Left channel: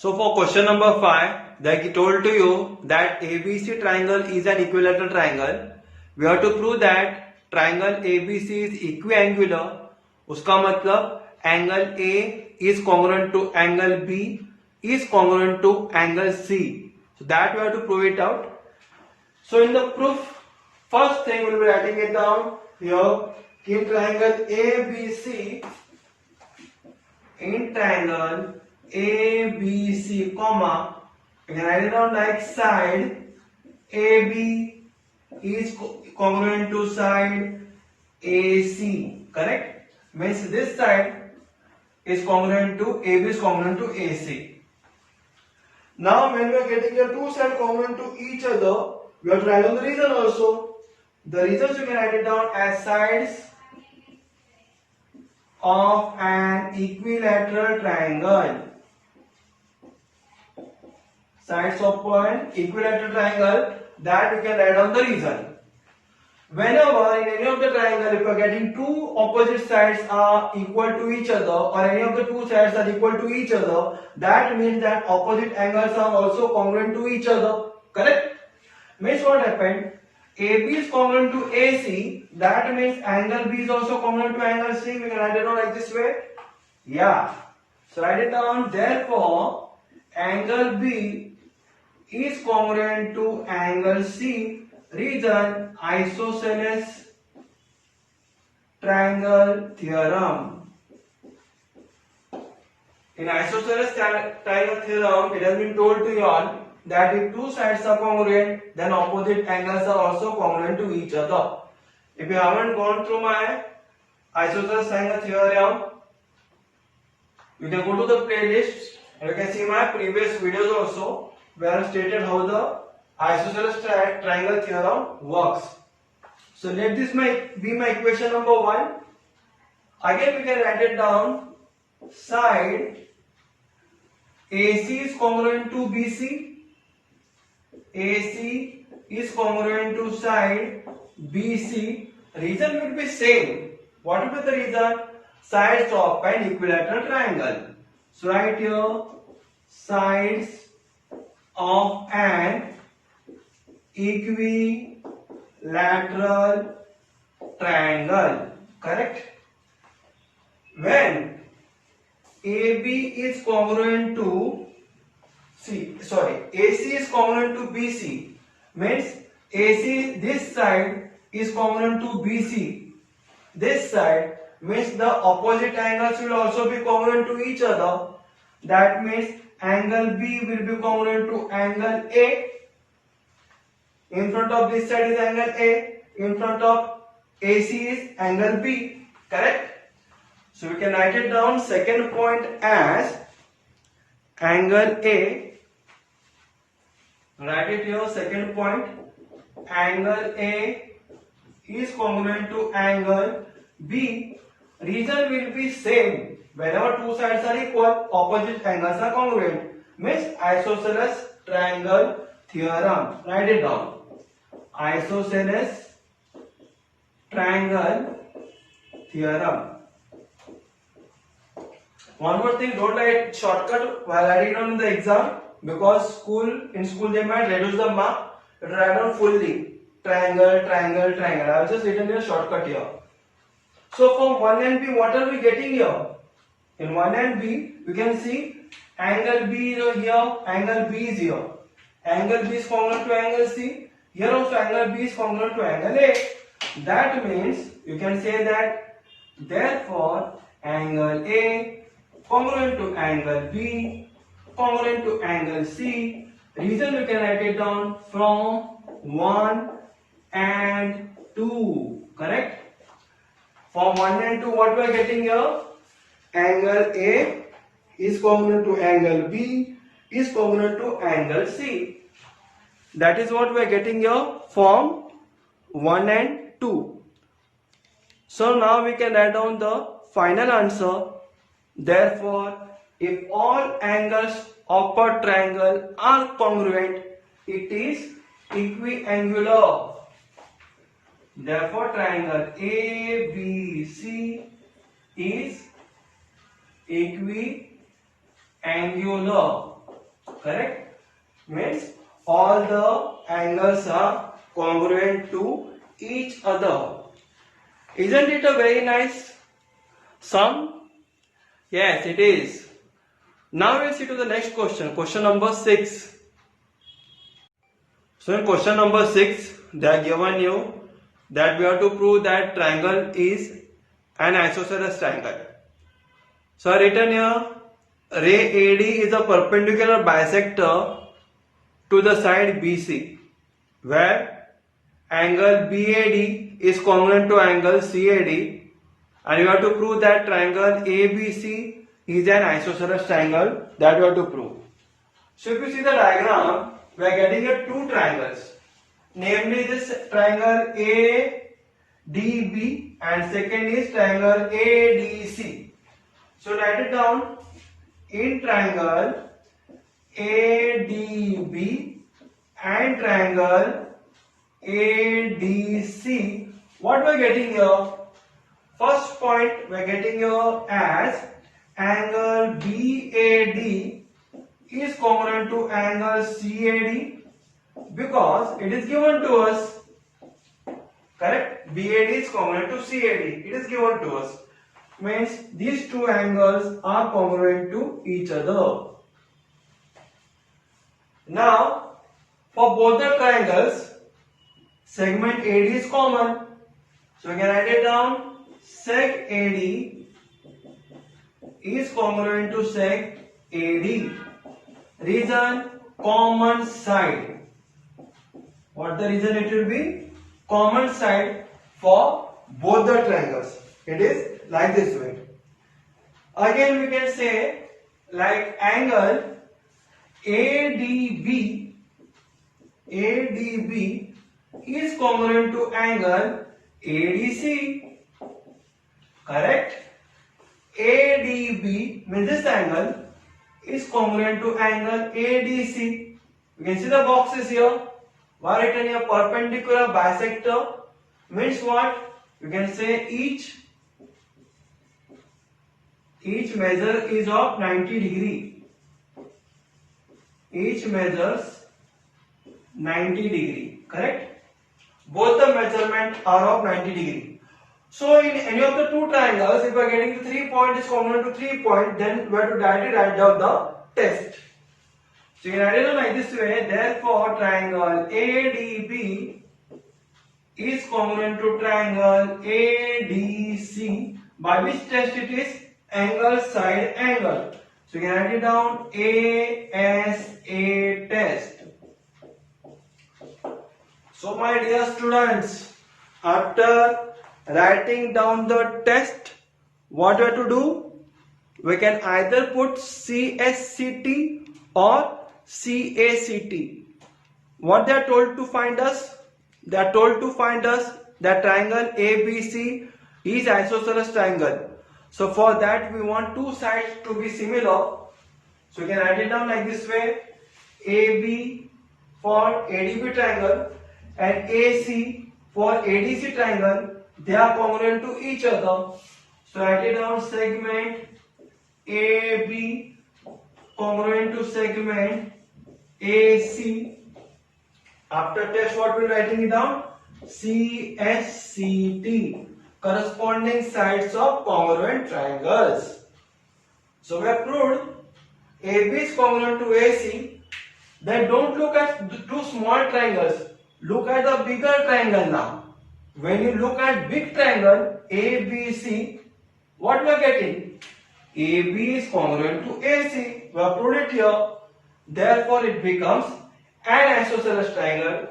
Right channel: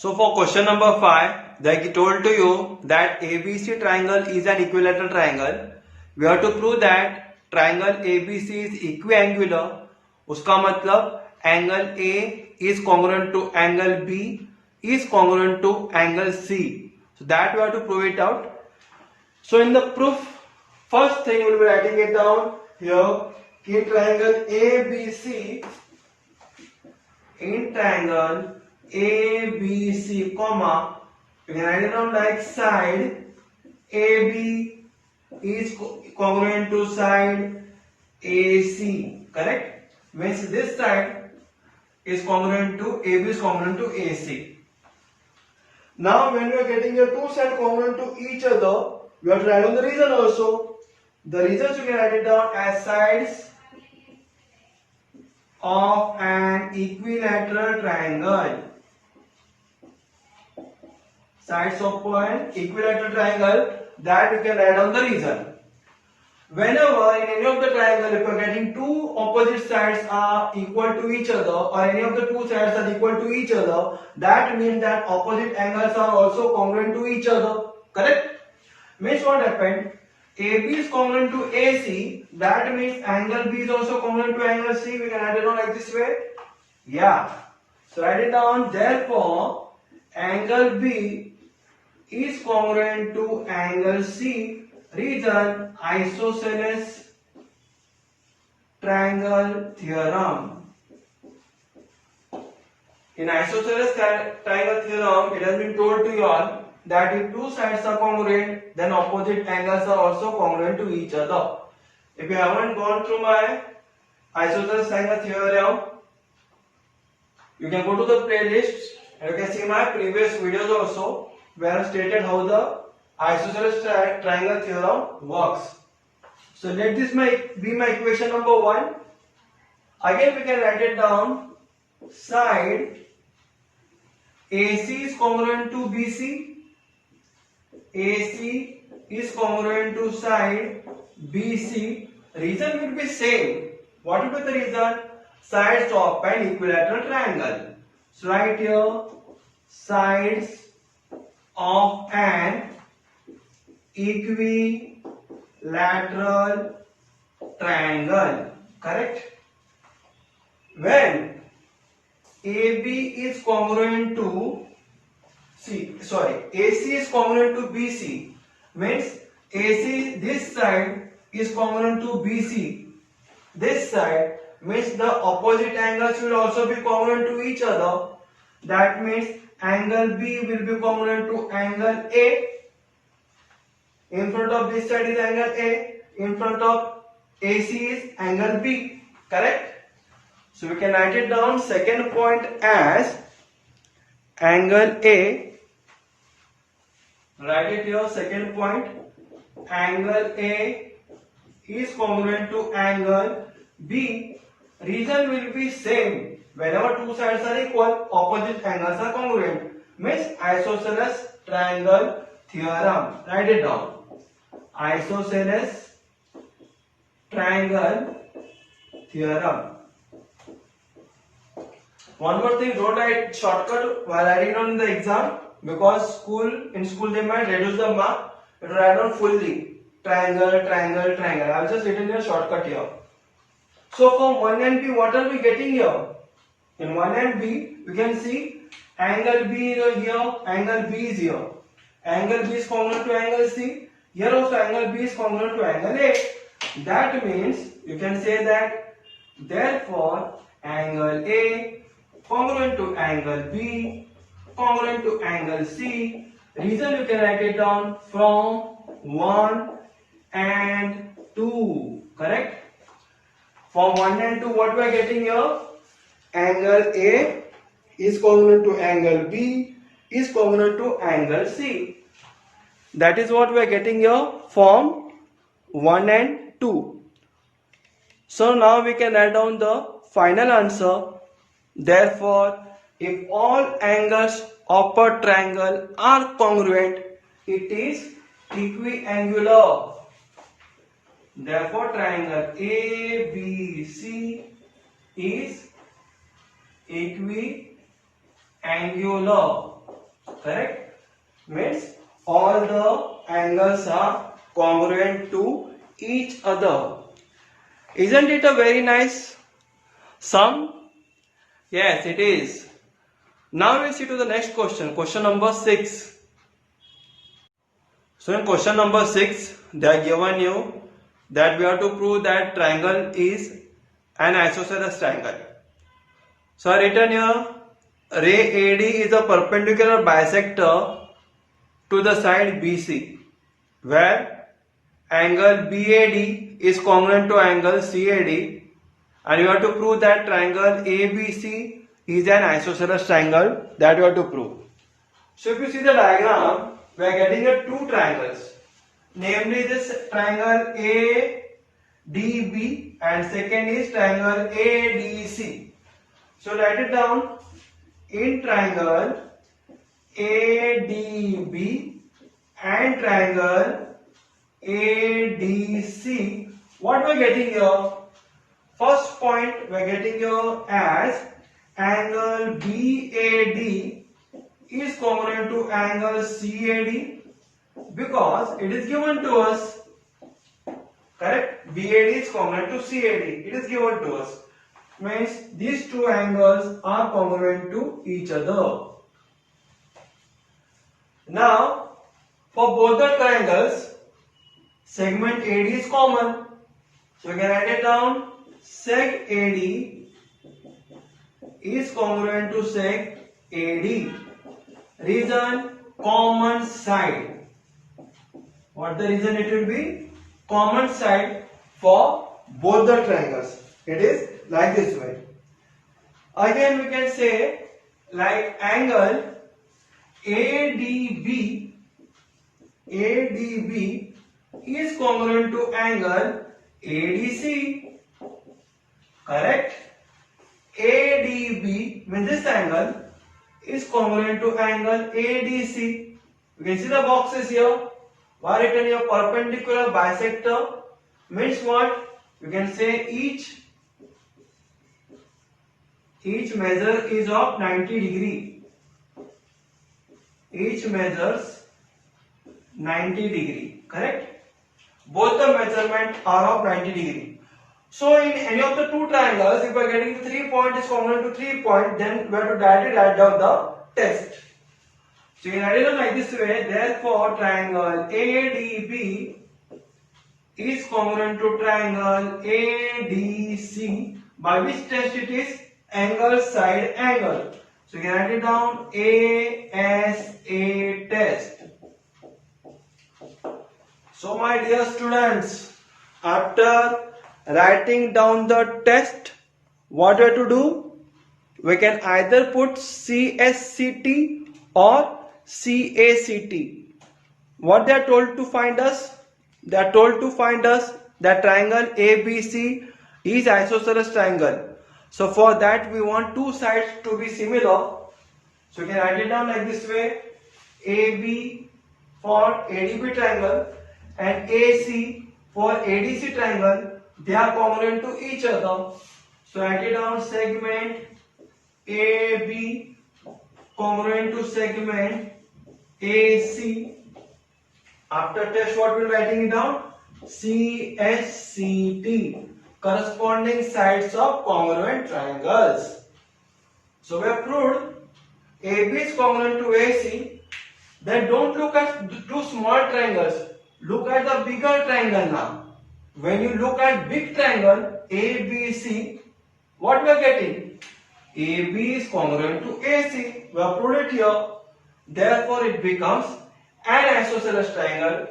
So for question number 5, they told to you that ABC triangle is an equilateral triangle. We have to prove that triangle ABC is equiangular. उसका मतलब angle A is congruent to angle B is congruent to angle C. So that we have to prove it out. So in the proof, first thing we will be writing it down here. In triangle ABC, in triangle ABC, comma, you can write it down like side AB is congruent to side AC, correct? Means this side is congruent to AB is congruent to AC. Now when we are getting the two sides congruent to each other, we have to write down the reason also. The reasons you can write it down as sides of an equilateral triangle. Sides of an equilateral triangle, that we can write down the reason. Whenever in any of the triangle, if you are getting two opposite sides are equal to each other, or any of the two sides are equal to each other, that means that opposite angles are also congruent to each other. Correct? Means what happened? AB is congruent to AC, that means angle B is also congruent to angle C. We can write it down like this way. Yeah. So write it down. Therefore, angle B is congruent to angle C. Reason, isosceles triangle theorem. In isosceles triangle theorem, it has been told to you all that if two sides are congruent, then opposite angles are also congruent to each other. If you haven't gone through my isosceles triangle theorem, you can go to the playlist and you can see my previous videos also, where I stated how the isosceles triangle theorem works. So let this be my equation number 1. Again we can write it down. Side AC is congruent to BC. AC is congruent to side BC. Reason will be same. What will be the reason? Sides of an equilateral triangle. So right here, sides of an equilateral triangle. Correct? When AB is congruent to AC is congruent to BC, means AC, this side is congruent to BC. This side means the opposite angles will also be congruent to each other. That means angle B will be congruent to angle A. In front of this side is angle A. In front of AC is angle B. Correct? So we can write it down second point as angle A. Write it here, second point. Angle A is congruent to angle B. Reason will be same. Whenever two sides are equal, opposite angles are congruent. Means isosceles triangle theorem. Write it down. Isosceles triangle theorem. One more thing, don't write shortcut while writing down in the exam, because in school they might reduce the mark. But write down fully triangle, triangle, triangle. I have just written a shortcut here. So from 1 and B, what are we getting here? In 1 and B, we can see angle B is here, angle B is here. Angle B is congruent to angle C. Here also angle B is congruent to angle A. That means you can say that therefore angle A congruent to angle B congruent to angle C. Reason you can write it down from 1 and 2. Correct? From 1 and 2, what we are getting here? Angle A is congruent to angle B is congruent to angle C. That is what we are getting here from 1 and 2. So now we can write down the final answer. Therefore, if all angles of a triangle are congruent, it is equiangular. Therefore, triangle ABC is equiangular. Correct? Means all the angles are congruent to each other. Isn't it a very nice sum? Yes, it is. Now we'll see to the next question. Question number 6. So in question number 6, they are given you that we have to prove that triangle is an isosceles triangle. So I written here, ray AD is a perpendicular bisector to the side BC, where angle BAD is congruent to angle CAD, and you have to prove that triangle ABC is an isosceles triangle. That you have to prove. So if you see the diagram, we are getting here two triangles, namely this triangle ADB and second is triangle ADC. So write it down. In triangle ADB and triangle ADC, what we are getting here? First point we are getting here as angle BAD is congruent to angle CAD because it is given to us. Correct? BAD is congruent to CAD. It is given to us. Means these two angles are congruent to each other. Now, for both the triangles, segment AD is common. So we can write it down. Seg AD is congruent to seg AD. Reason, common side. What the reason it will be? Common side for both the triangles. It is like this way. Again we can say like angle ADB is congruent to angle ADC. Correct? ADB means this angle is congruent to angle ADC. You can see the boxes here. Why written here perpendicular bisector means what? You can say each measure is of 90 degree. Each measures 90 degree. Correct? Both the measurement are of 90 degree. So in any of the two triangles, if we are getting the 3 point is congruent to 3 point, then we have to directly write down the test. So you can write it like this way. Therefore, triangle ADB is congruent to triangle ADC. By which test it is? Angle side angle. So you can write it down ASA test. So my dear students, after writing down the test, what we have to do? We can either put CSCT or CACT. What they are told to find us? They are told to find us that triangle ABC is isosceles triangle. So for that we want two sides to be similar. So you can write it down like this way. AB for ADB triangle and AC for ADC triangle. They are congruent to each other. So write it down. Segment AB congruent to segment AC. After test, what we are writing it down? CSCT, corresponding sides of congruent triangles. So we have proved AB is congruent to AC. Then don't look at the two small triangles. Look at the bigger triangle now. When you look at big triangle ABC, what we are getting? AB is congruent to AC. We have proved it here. Therefore, it becomes an isosceles triangle.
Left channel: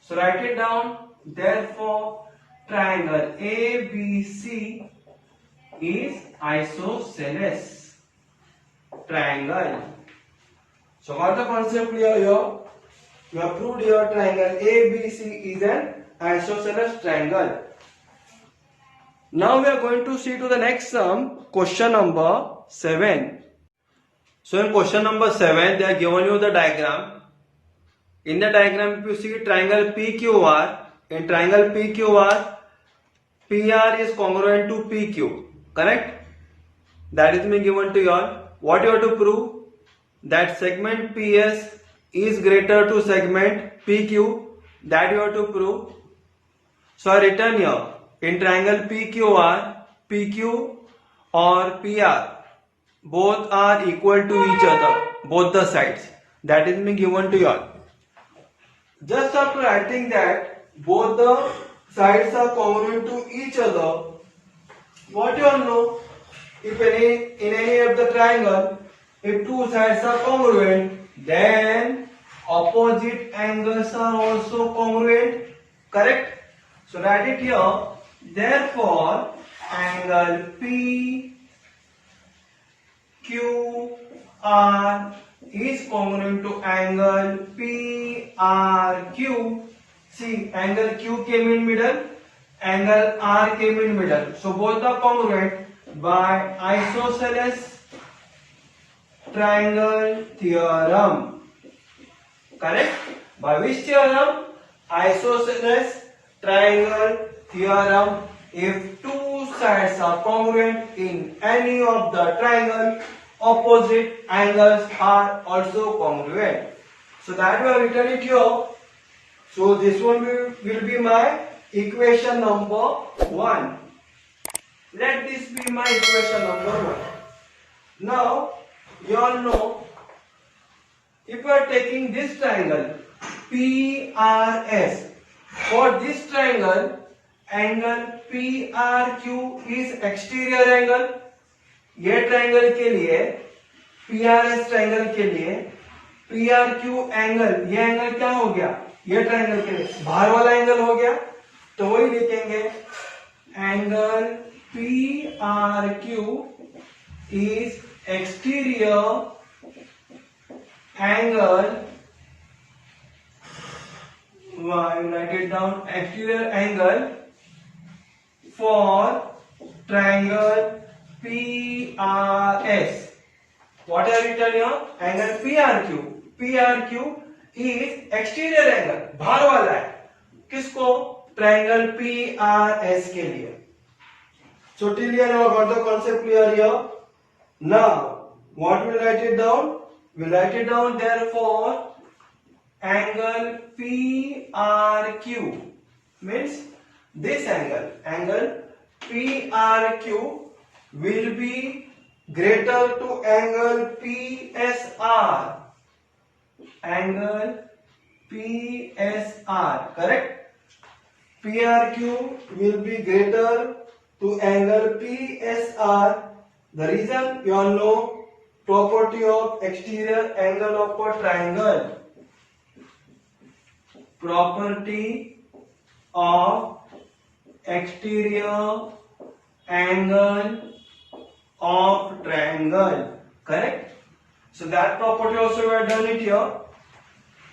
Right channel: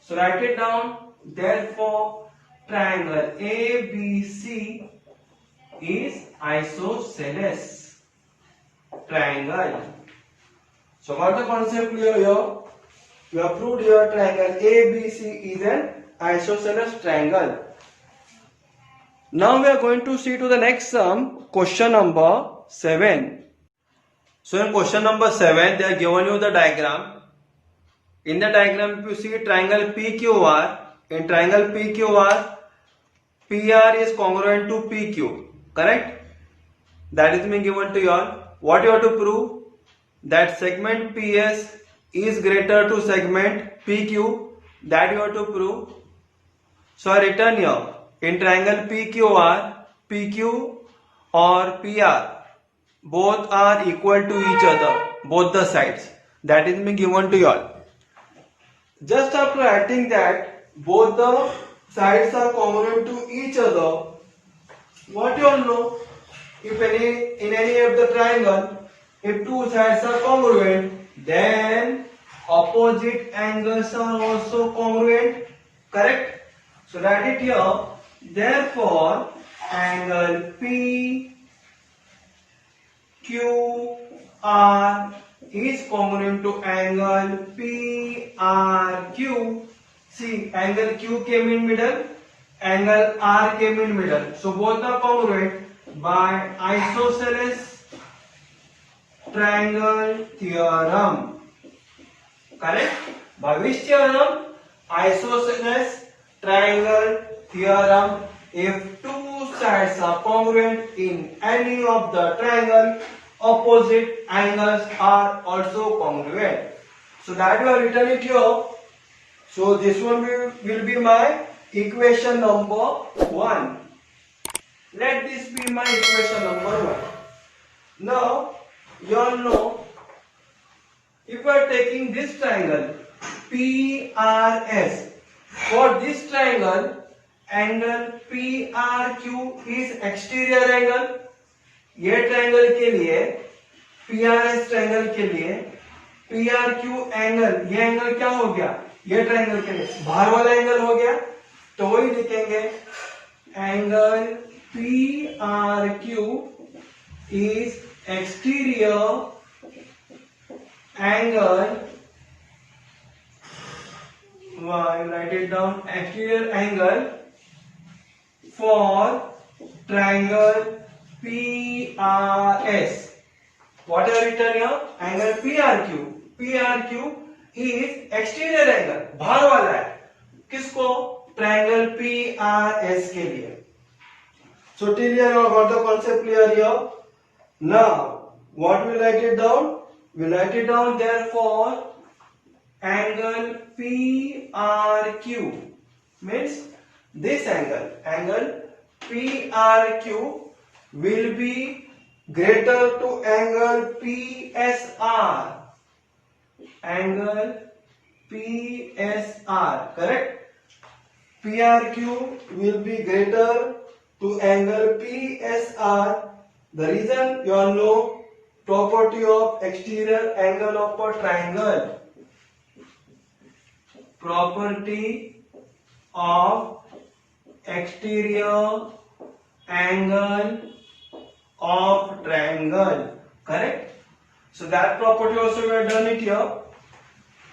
So write it down. Therefore, triangle ABC is isosceles triangle. So what the concept clear here? We have proved here triangle ABC is an isosceles triangle. Now we are going to see to the next sum, question number 7. So in question number 7, they are given you the diagram. In the diagram, if you see triangle PQR, in triangle PQR, PR is congruent to PQ. Correct? That is being given to you all. What you have to prove? that segment PS is greater to segment PQ, that you have to prove. So I written here, in triangle PQR, PQ or PR, both are equal to each other, both the sides. That is being given to you all. Just after writing that both the sides are congruent to each other, what you all know? If in any of the triangle, if two sides are congruent, then opposite angles are also congruent. Correct? So write it here. Therefore, angle PQR is congruent to angle PRQ. See, angle Q came in middle, angle R came in middle. So both are congruent by isosceles triangle theorem. Correct? By which theorem? Isosceles triangle theorem. If two sides are congruent in any of the triangle, opposite angles are also congruent. So that we have written it here. So this one will be my equation number 1. Let this be my equation number 1. Now, you all know, if we are taking this triangle PRS, for this triangle, angle PRQ is exterior angle. ये triangle के लिए, PRS triangle के लिए, PRQ angle, ये angle क्या हो गया? ये ट्रायंगल के लिए बाहर वाला एंगल हो गया, तो वही लिखेंगे angle PRQ is exterior angle. Write it down. Exterior angle for triangle PRS. What I written here? Angle PRQ. PRQ is exterior angle. बाहर वाला है. किसको? Triangle PRS के लिए. So till here now got the concept clear here. Now what we write it down? We write it down therefore angle PRQ means this angle PRQ will be greater to angle PSR. Angle PSR, correct? PRQ will be greater to angle PSR. The reason you all know property of exterior angle of a triangle. Property of exterior angle of triangle, correct? So that property also we have done it here.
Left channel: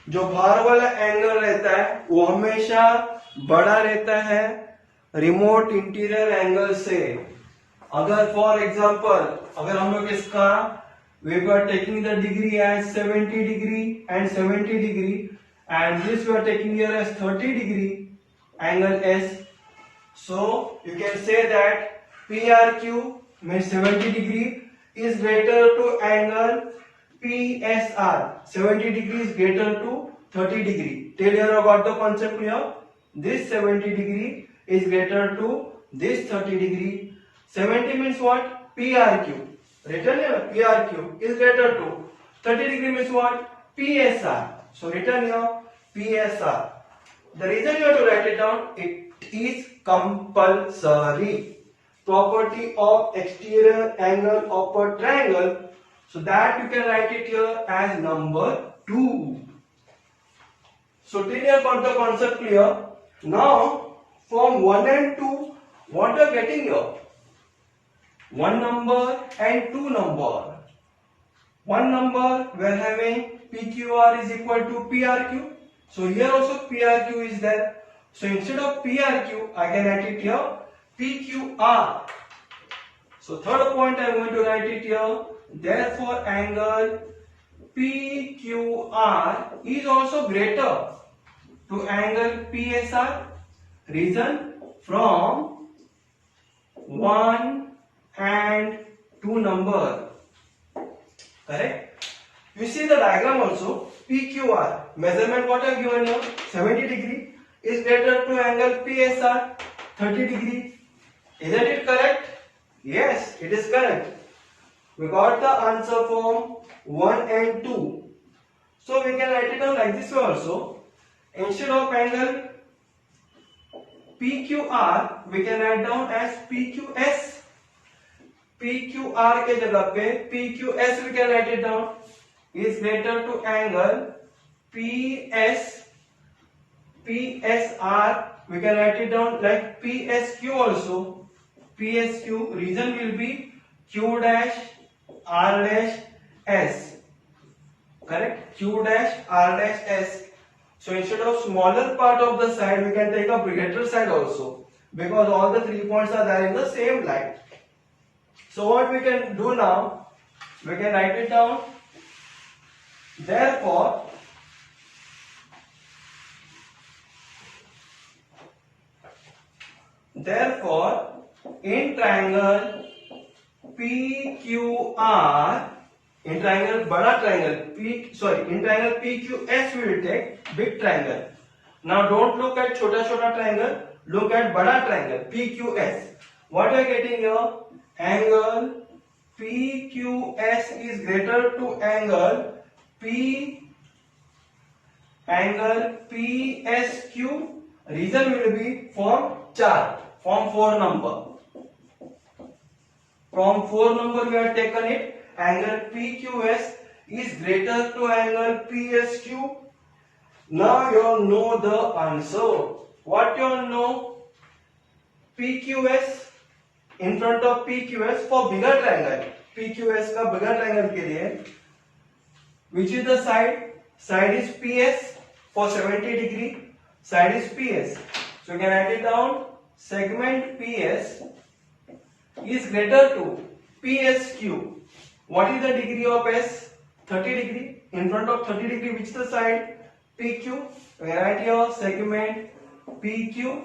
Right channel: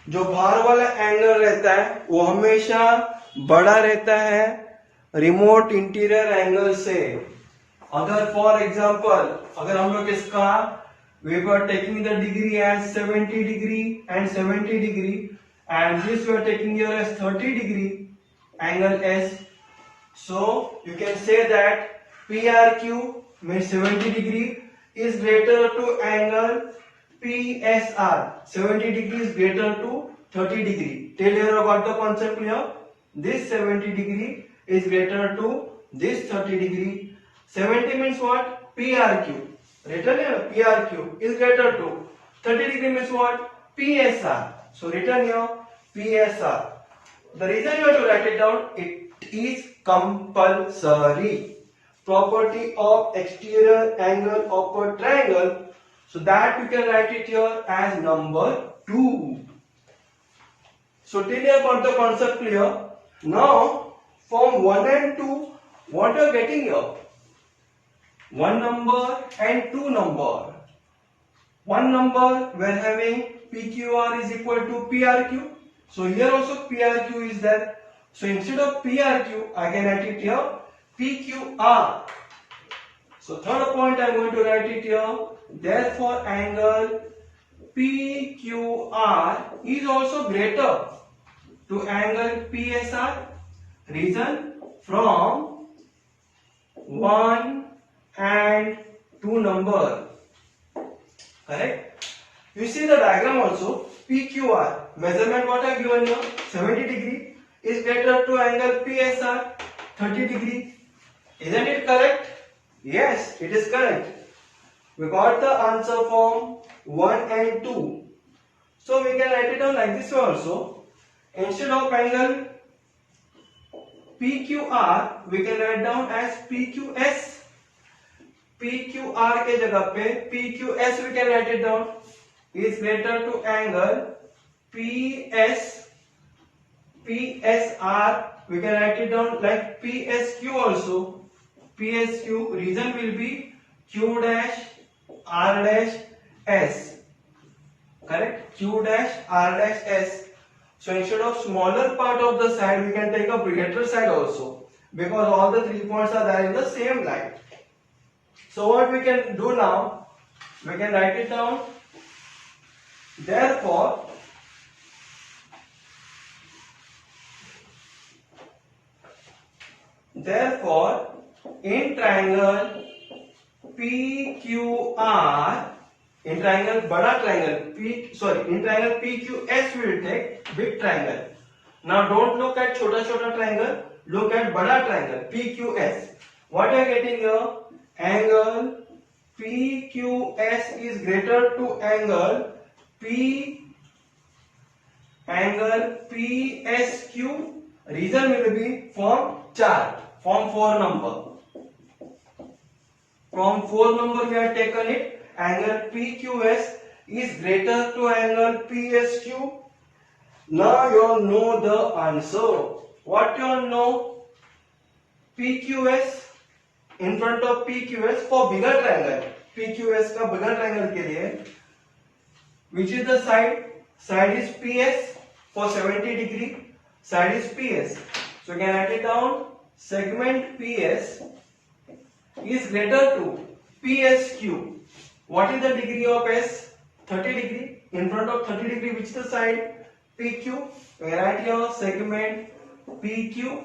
जो बाहर वाला angle रहता है वो हमेशा बड़ा रहता है रिमोट इंटीरियर एंगल से. अगर फॉर एग्जांपल अगर हम लोग इसका we were taking the degree as 70 degree and 70 degree and this we are taking here as 30 degree angle S. So you can say that PRQ means 70 degree is greater to angle PSR. 70 degree is greater to 30 degree. Tell here about the concept here. This 70 degree is greater to this 30 degree. 70 means what? PRQ. Written here PRQ is greater to 30 degree means what? PSR. So written here PSR. The reason you have to write it down, it is compulsory. Property of exterior angle of a triangle. So that you can write it here as number 2. So till here got the concept clear. Now from 1 and 2, what you are getting here? 1 number and 2 number. 1 number we are having PQR is equal to PRQ. So here also PRQ is there. So instead of PRQ, I can write it here PQR. So third point I am going to write it here. Therefore angle PQR is also greater to angle PSR. Reason? From 1 and 2 number. Correct? You see the diagram also. PQR measurement what I given here 70 degree is greater to angle PSR 30 degree. Isn't it correct? Yes, it is correct. We got the answer from 1 and 2. So we can write it down like this way also. Instead of angle PQR, we can write down as PQS. PQR के जगह पे PQS we can write it down is greater to angle PSR. We can write it down like PSQ also. PSQ reason will be Q dash R dash S. Correct? Q dash R dash S. So instead of smaller part of the side, we can take a greater side also, because all the 3 points are there in the same line. So what we can do now, we can write it down. Therefore, in triangle PQR, in triangle बड़ा triangle in triangle PQS we will take big triangle. Now don't look at छोटा triangle, look at बड़ा triangle PQS. What are you getting here? Angle PQS is greater to angle PSQ. Reason will be form 4, form 4 number. From 4 number we have taken it. Angle PQS is greater to angle PSQ. Now you all know the answer. What you all know? PQS in front of PQS for bigger triangle. PQS का bigger triangle के लिए, which is the side? Side is PS for 70 degree. Side is PS. So you can write it down. Segment PS is greater to PSQ. What is the degree of S? 30 degree. In front of 30 degree, which is the side? PQ. We write here segment PQ.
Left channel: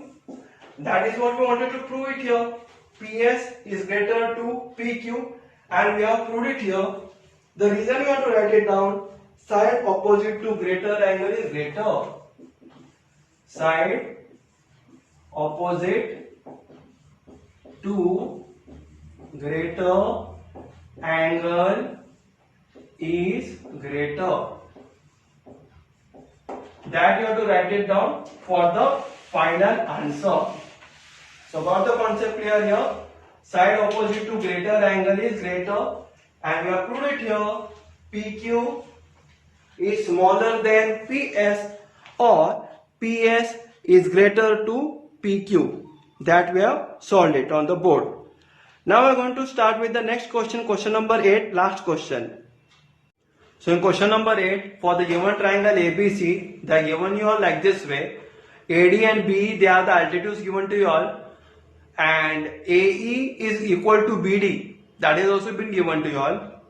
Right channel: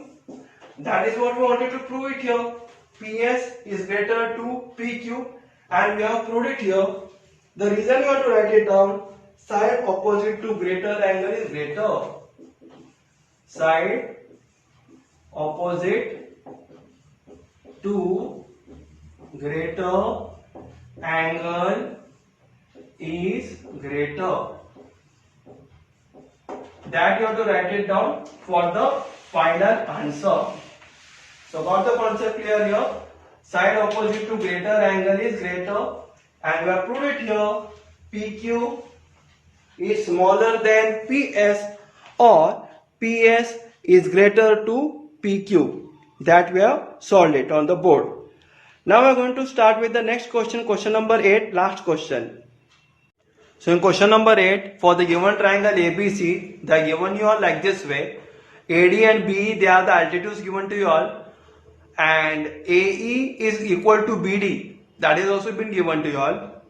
That is what we wanted to prove it here. PS is greater to PQ, and we have proved it here. The reason we want to write it down, side opposite to greater angle is greater. Side opposite to greater angle is greater. That you have to write it down for the final answer. So got the concept clear here. Side opposite to greater angle is greater, and we have proved it here. PQ is smaller than PS, or PS is greater to PQ. That we have solved it on the board. Now we are going to start with the next question, question number 8, last question. So in question number 8, for the given triangle ABC, they are given you all like this way. AD and BE, they are the altitudes given to you all, and AE is equal to BD, that is also been given to you all.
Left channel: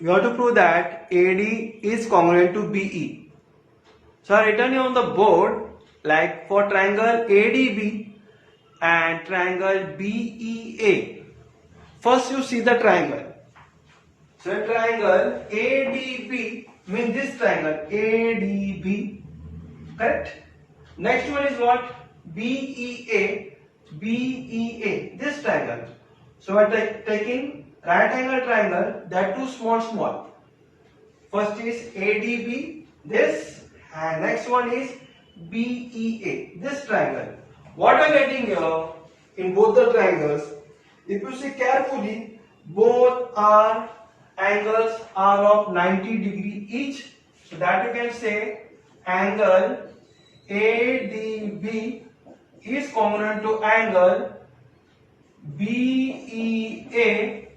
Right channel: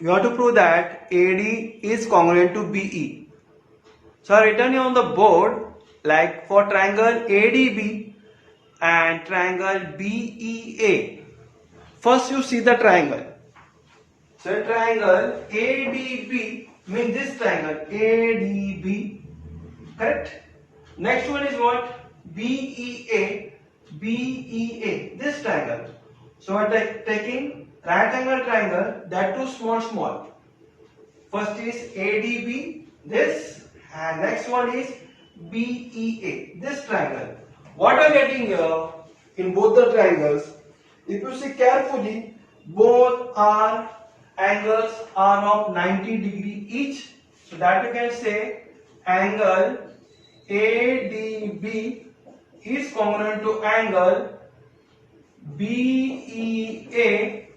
You have to prove that AD is congruent to BE. So I written here on the board, like for triangle ADB and triangle BEA. First you see the triangle. So triangle ADB means this triangle ADB, correct? Next one is what? BEA, this triangle. So we are taking right angle triangle, that too small. First is ADB, this, and next one is BEA, this triangle. What I am getting here in both the triangles, if you see carefully, both angles are of 90 degree each. So that you can say angle ADB is congruent to angle BEA.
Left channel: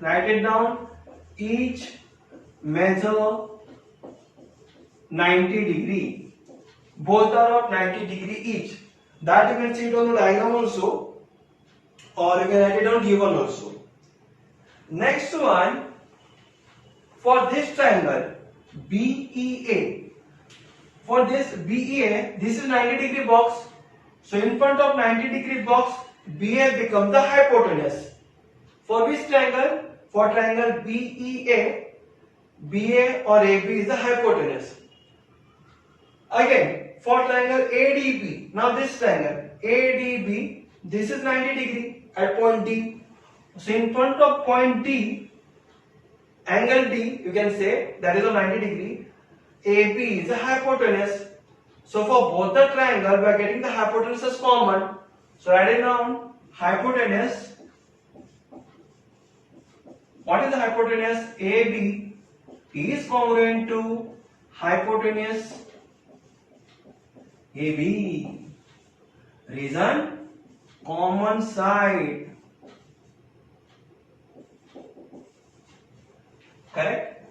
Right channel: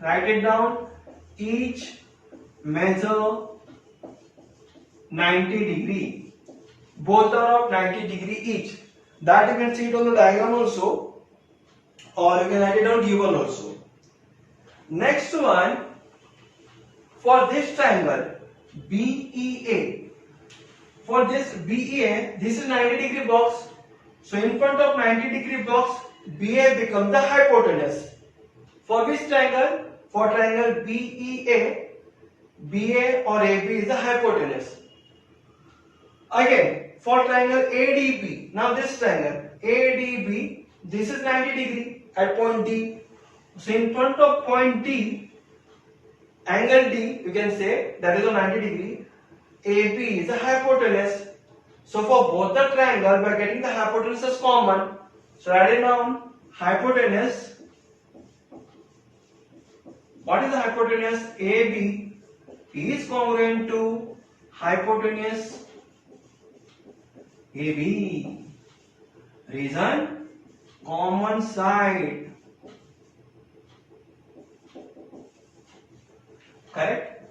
Write it down. Each measure 90 degree. Both are of 90 degree each. That you can see it on the diagram also, or you can write it down given also. Next one, for this triangle BEA. For this BEA, this is 90 degree box. So in front of 90 degree box, BA becomes the hypotenuse. For which triangle? For triangle BEA, BA or AB is the hypotenuse. Again, for triangle ADB, now this triangle ADB, this is 90 degree at point D. So in front of point D, angle D, you can say that is a 90 degree. AB is the hypotenuse. So for both the triangle, we are getting the hypotenuse as common. So write it down. Hypotenuse. What is the hypotenuse? AB is congruent to hypotenuse AB. Reason? Common side. Correct?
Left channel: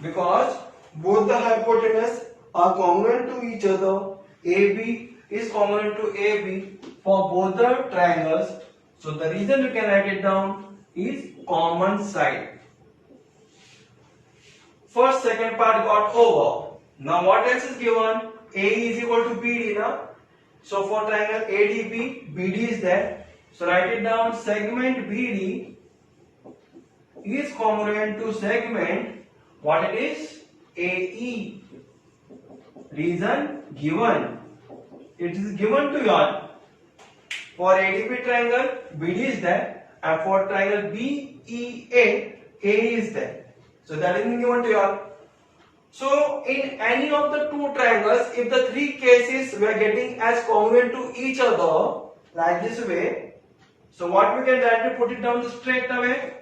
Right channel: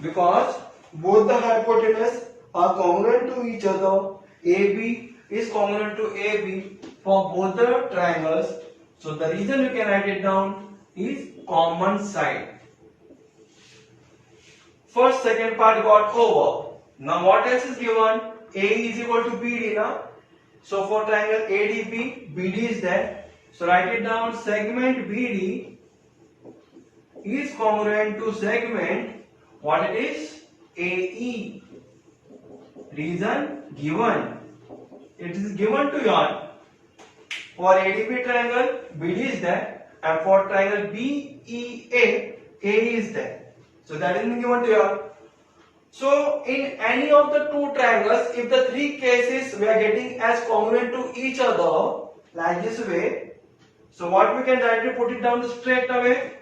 Because both the hypotenuse are congruent to each other. AB is congruent to AB for both the triangles. So the reason you can write it down is common side. First, second part got over. Now what else is given? A is equal to BD now. So for triangle ADB, BD is there. So write it down. Segment BD is congruent to segment, what it is? AE. Reason given. It is given to you all. For ADB triangle, BD is there, and for triangle BEA, AE is there. So that is given to you all. So in any of the two triangles, if the three cases we are getting as congruent to each other, like this way, so what we can directly put it down straight away.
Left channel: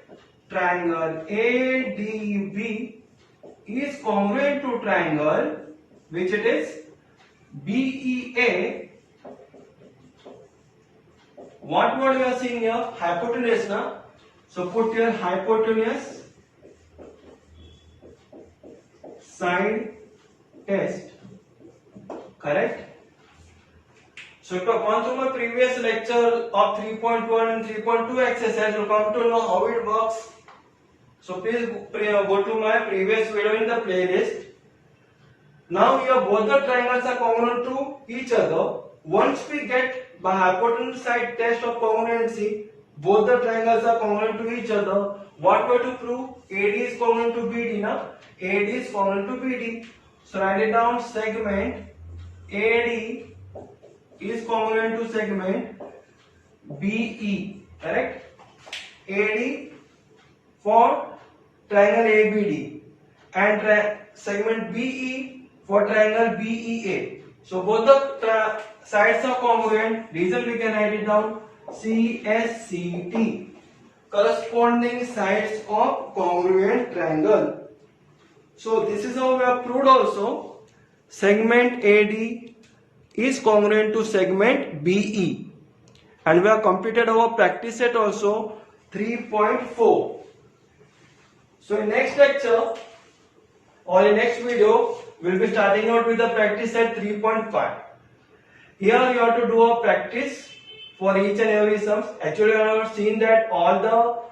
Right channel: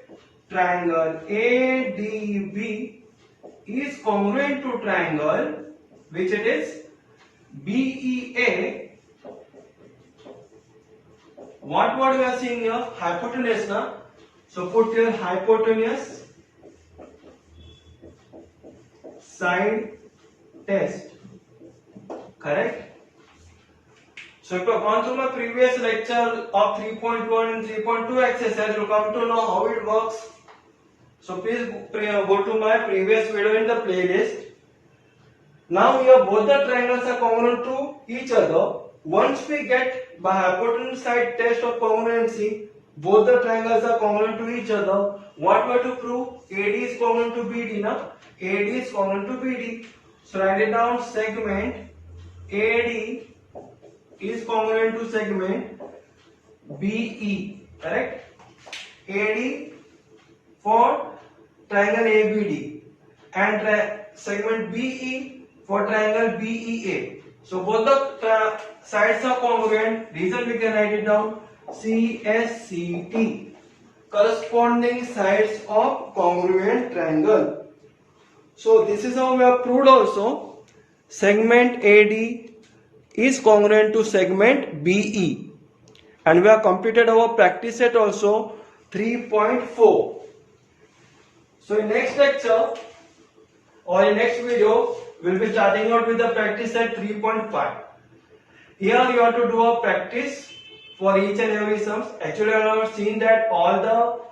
Triangle ADB is congruent to triangle, which it is BEA. What word we are seeing here? Hypotenuse now. So put here hypotenuse side test. Correct? So if you have gone through my previous lecture of 3.1 and 3.2 exercise, you come to know how it works. So please go to my previous video in the playlist. Now here both the triangles are congruent to each other. Once we get by hypotenuse side test of congruency, both the triangles are congruent to each other. What we have to prove? AD is congruent to BD now. AD is congruent to BD. So write it down. Segment AD is congruent to segment BE. Correct? AD for triangle ABD and segment BE for triangle BEA. So both the sides are congruent. Reason we can write it down. CSCT, corresponding sides of congruent triangle. So this is how we have proved also. Segment AD is congruent to segment BE, and we have completed our practice set also 3.4. So in next lecture or in next video, we'll be starting out with the practice set 3.5. Here you have to do a practice for each and every sums. Actually, I have seen that all the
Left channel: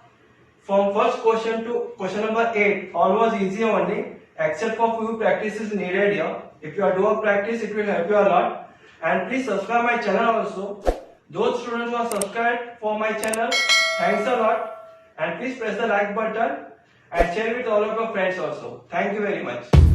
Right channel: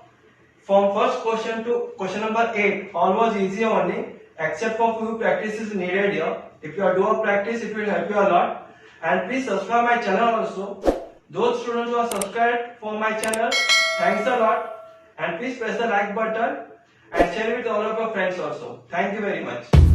from first question to question number 8, all was easy only, except for few practices needed here. If you do a practice, it will help you a lot. And please subscribe my channel also. Those students who are subscribed for my channel, thanks a lot. And please press the like button and share with all of your friends also. Thank you very much.